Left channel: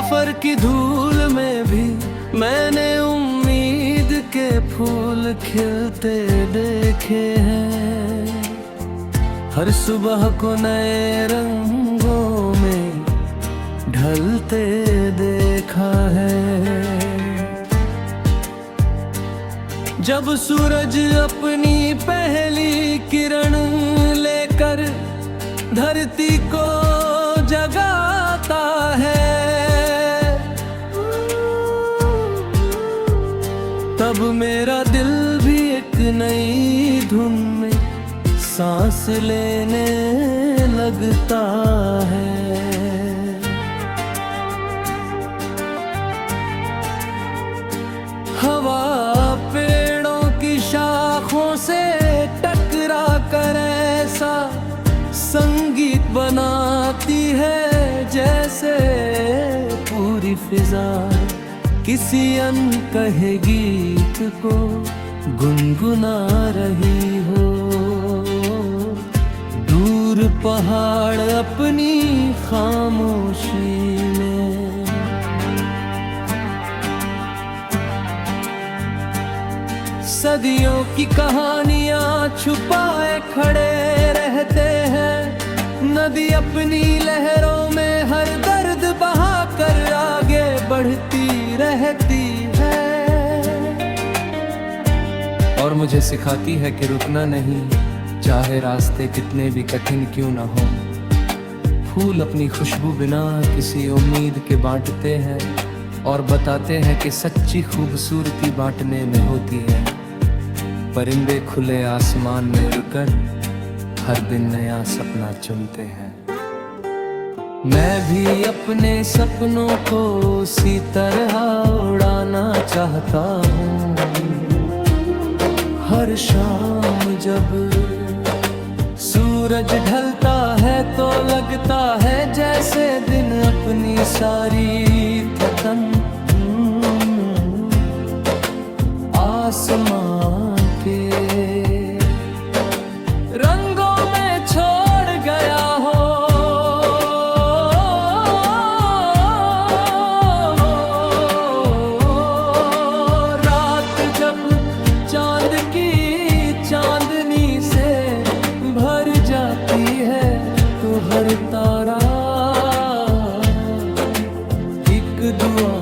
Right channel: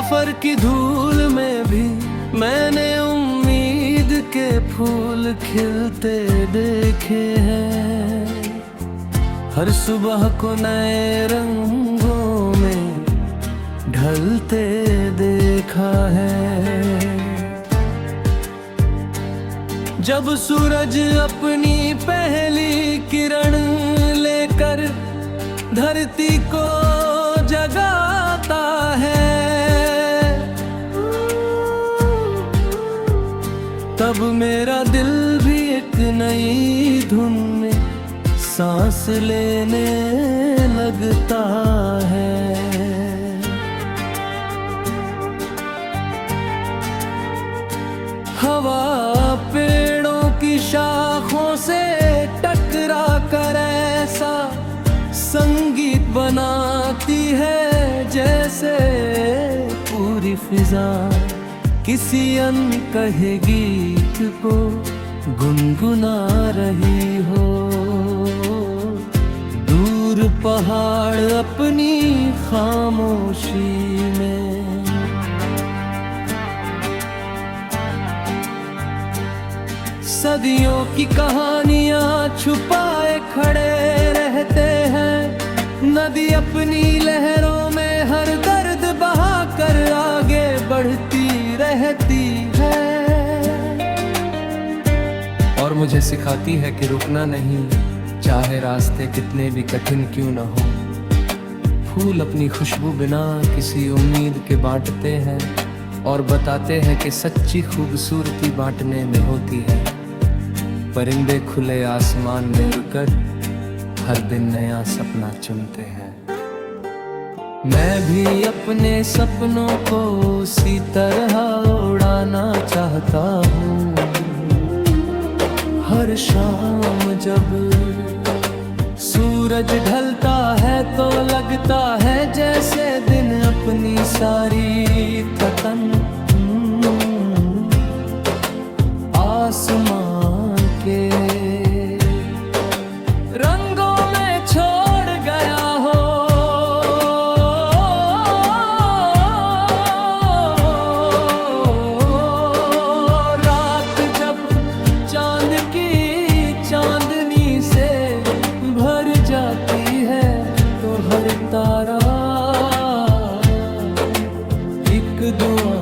सफर की धूल में भी मैंने उम्मीद के फूल खिलते देखे हैं। हर सुबह को नए रंगों में ढलते देखा है। जब सूरज अपनी पहली किरण लेकर धरती को जगाता है, तब मेरा दिल भी एक नई धुन में सांस लेने लगता है। हवा पेड़ों की शाखों से टकरा कर ऐसा संगीत बनाती है, जैसे पूरी फिजा किसी अनकहे गीत को गुनगुना रही हो। दूर पहाड़ अपनी खामोशी में सदियों की कहानियां छुपाए खड़े रहते हैं। नदी अपनी लहरों में हर दर्द बहाकर आगे बढ़ती रहती है, और मुझे सिखाती है कि रुकना नहीं, चाहे रास्ते कितने भी कठिन क्यों ना हो। फूल अपनी खुशबू बिना किसी उम्मीद के बांटते हैं और बताते हैं कि सच्ची खूबसूरती बांटने में होती है। परिंदे खुले आसमान में उड़कर हर दिन नया सपना चुनते हैं। मैं भी अपने सपनों को उसी तरह उड़ाना चाहता हूँ। हर शाम जब सूरज ढलता है तो लगता है जैसे दिन अपनी सारी थकन आसमां के रंगों में छोड़ गया हो। रात जब चांद की चांदनी से भर जाती है तो हर तारा एक दुआ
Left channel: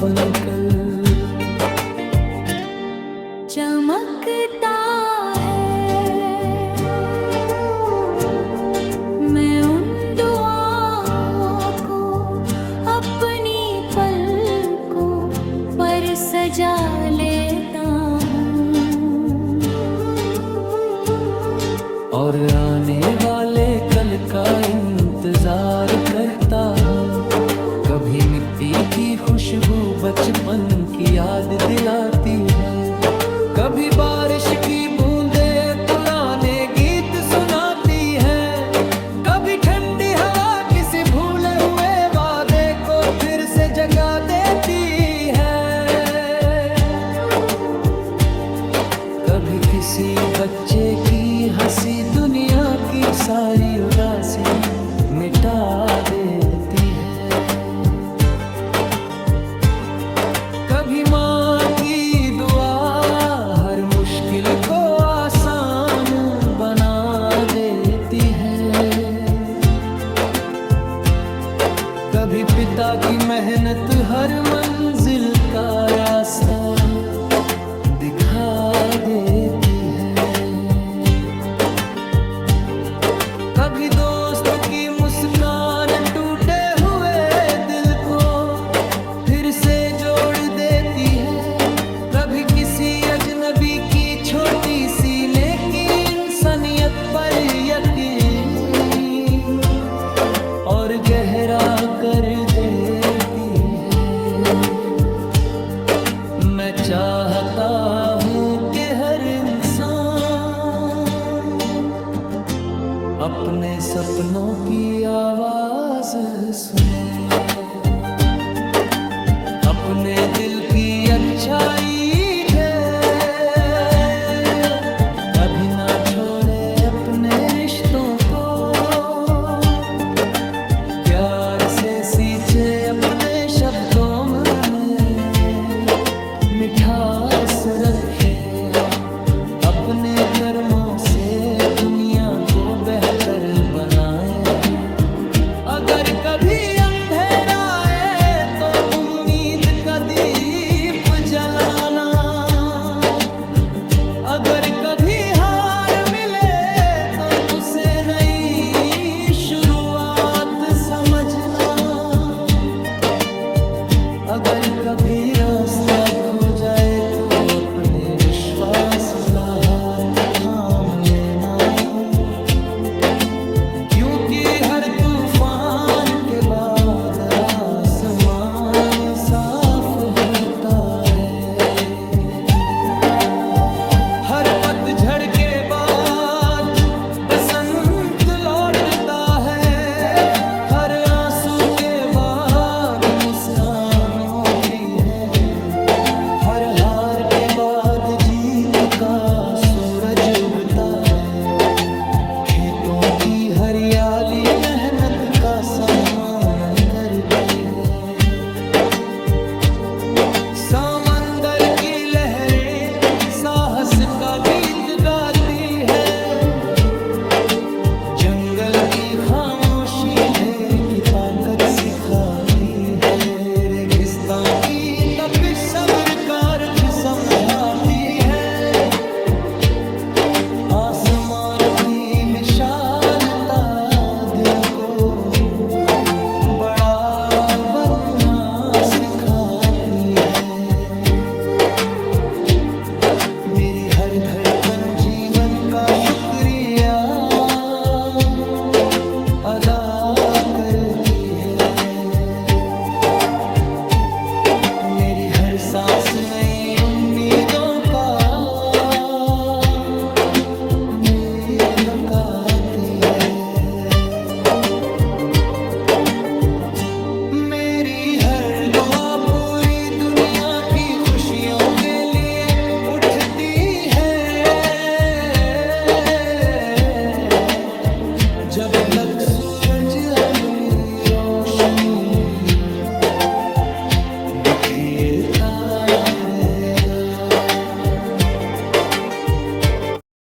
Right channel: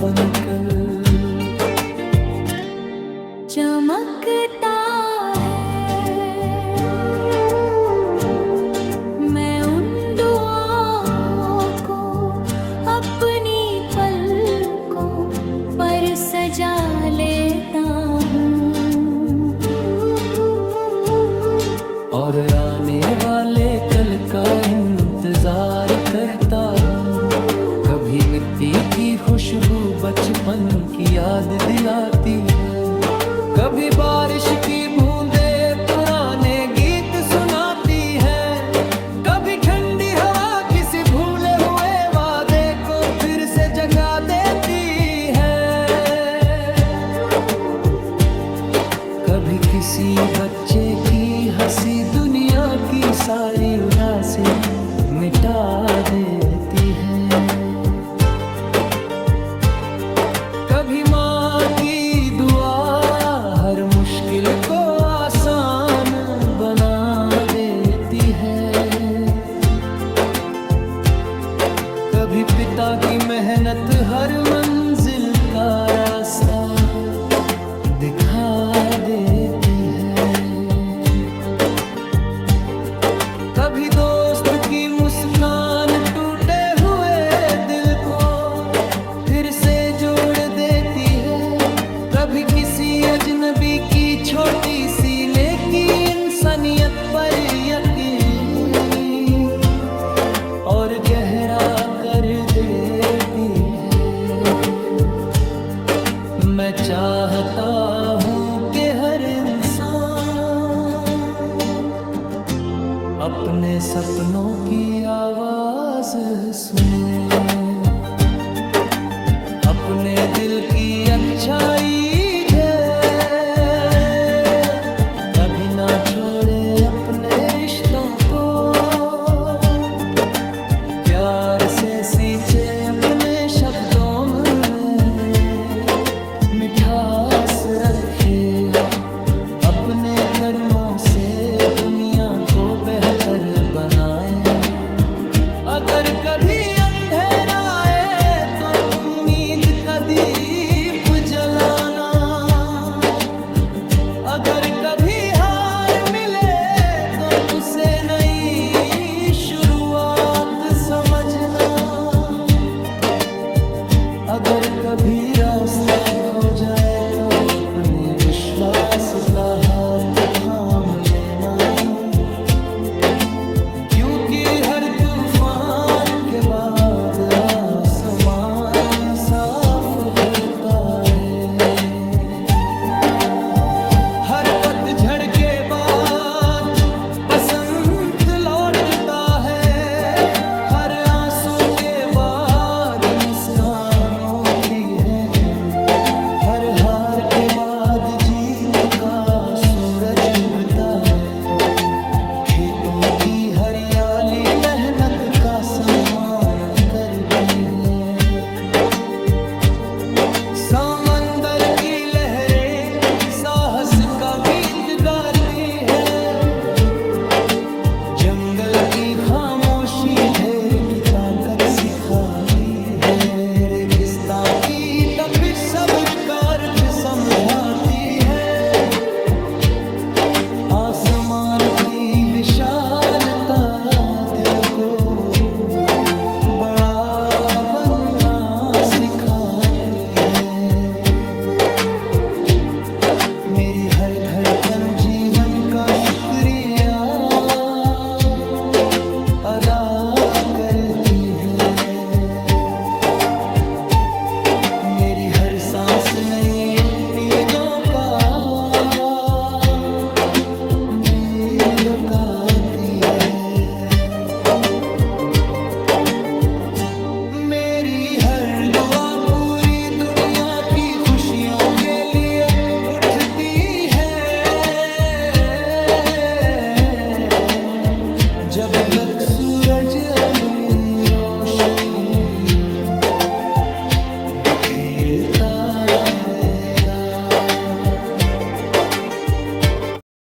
बनकर चमकता है। मैं उन दुआओं को अपनी पलकों पर सजा लेता हूँ, और आने वाले कल का इंतजार करता हूँ। कभी मिट्टी की खुशबू बचपन की याद दिलाती है, कभी बारिश की बूंदें पुराने गीत सुनाती हैं, कभी ठंडी हवा किसी भूले हुए वादे को फिर से जगा देती है, कभी किसी बच्चे की हंसी दुनिया की सारी उदासी मिटा देती है। कभी माँ की दुआ हर मुश्किल को आसान बना देती है, कभी पिता की मेहनत हर मंजिल का रास्ता दिखा देती है, कभी दोस्त की मुस्कान टूटे हुए दिल को फिर से जोड़ देती है, कभी किसी अजनबी की छोटी सी नेकी इंसानियत पर यकीन और गहरा कर देती है। मैं चाहता हूँ कि हर इंसान अपने सपनों की आवाज सुने, अपने दिल की अच्छाई ढे, कभी ना छोड़े अपने रिश्तों को, प्यार से सींचे अपने शब्दों में मिठास रखे, अपने कर्मों से दुनिया को बेहतर बनाए। अगर कभी अंधेरा आए तो उम्मीद का दीप जलाना, अगर कभी हार मिले तो उसे नई शुरुआत समझना, अगर कभी रास्ता खो जाए तो अपने विश्वास का हाथ थाम लेना, क्योंकि हर तूफान के बाद आसमान साफ होता है। हर पतझड़ के बाद बसंत लौटता है, हर आंसू के बाद मुस्कान होती है, हर हार के बाद जीत का सूरज उगता है। खेतों की हरियाली मेहनत का सम्मान करती है, समंदर की लहरें साहस का गीत गाती है, जंगल की खामोशी ढेर की ताकत सिखाती है, रेगिस्तान की तपिश सब्र का अर्थ समझाती है, आसमान की विशालता दिल को बड़ा बनना सिखाती है। मेरी हर धड़कन जीवन का शुक्रिया अदा करती है, मेरी हर सांस नई उम्मीदों का आती है। मेरी हर दुआ पूरी दुनिया की खुशियों के लिए उठती है, जब तक सूरज अपनी रोशनी बिखेरता रहे।